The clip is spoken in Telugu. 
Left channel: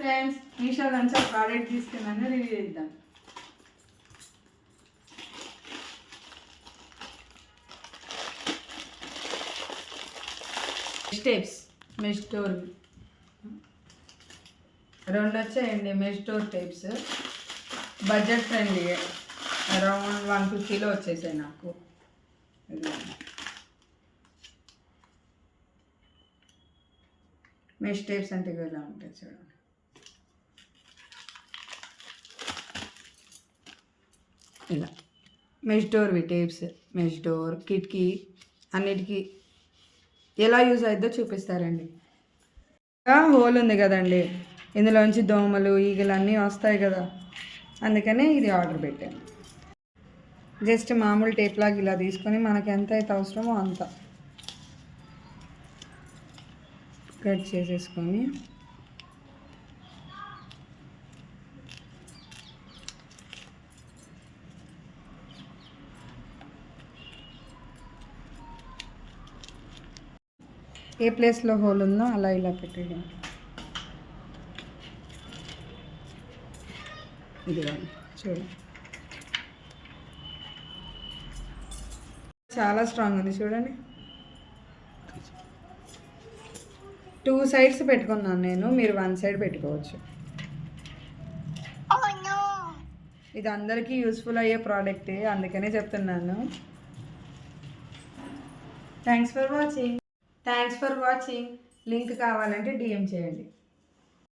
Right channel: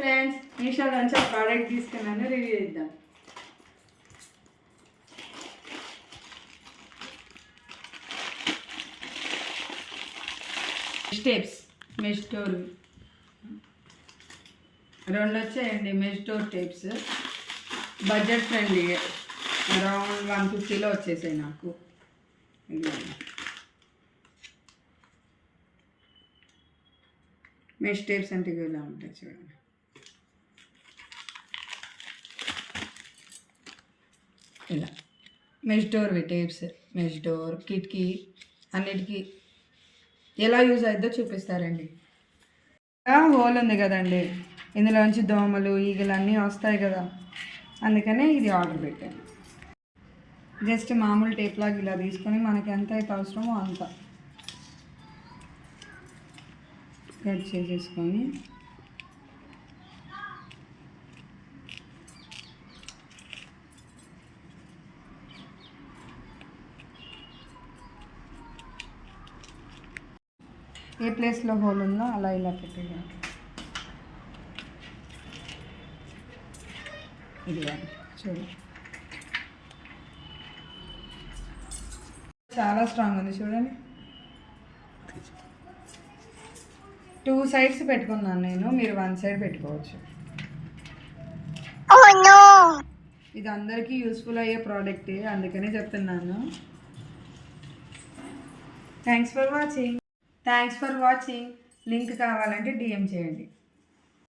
ఫ్రెండ్స్, మీషో నుంచి ఒక ప్రోడక్ట్ తీసుకున్నాను, రివ్యూ ఇద్దాం. స్టెప్స్ మెష్ డోర్ 2 వచ్చాయండి. Mesh door types budget friendly, around 150లో వచ్చేసాయి నాకు. మెష్ టైప్స్ అంటే ఇలా ఉంటాయి చూడండి. ఇలా mesh door types, mesh door కిటికీ అన్నిటికీ ఎలా యూజ్ అవుతుందో చూపిస్తారండి. హోల్ ఉంది కదండి, ఇందులోంచి దోమలు ఈగలు అన్నీ వస్తాయి కదా, అందుకనే ఇది ఆర్డర్ పెట్టాను. జస్ట్ మామూలు టేప్ లాగా ఇలా తీసుకొని మనకి ఎంత అయితే అవసరమో అంత కట్ చేసేసుకొని ఏ ప్లేస్లో హోల్ ఉందో అలా ఇలా పెట్టేయండి. ఇది చూడండి, చాలా స్ట్రాంగ్ ఉంది చూడండి. 2 సైడ్స్ పెట్టుకున్నాను నేను, మీరు 1 సైడ్ పెట్టుకోవచ్చు. ఇది అందరికీ యూస్ఫుల్ అయ్యే ప్రోడక్టే, అందుకనే చెప్తున్నాను. Thanks for watching. లింక్ కావాలంటే DM చేయండి.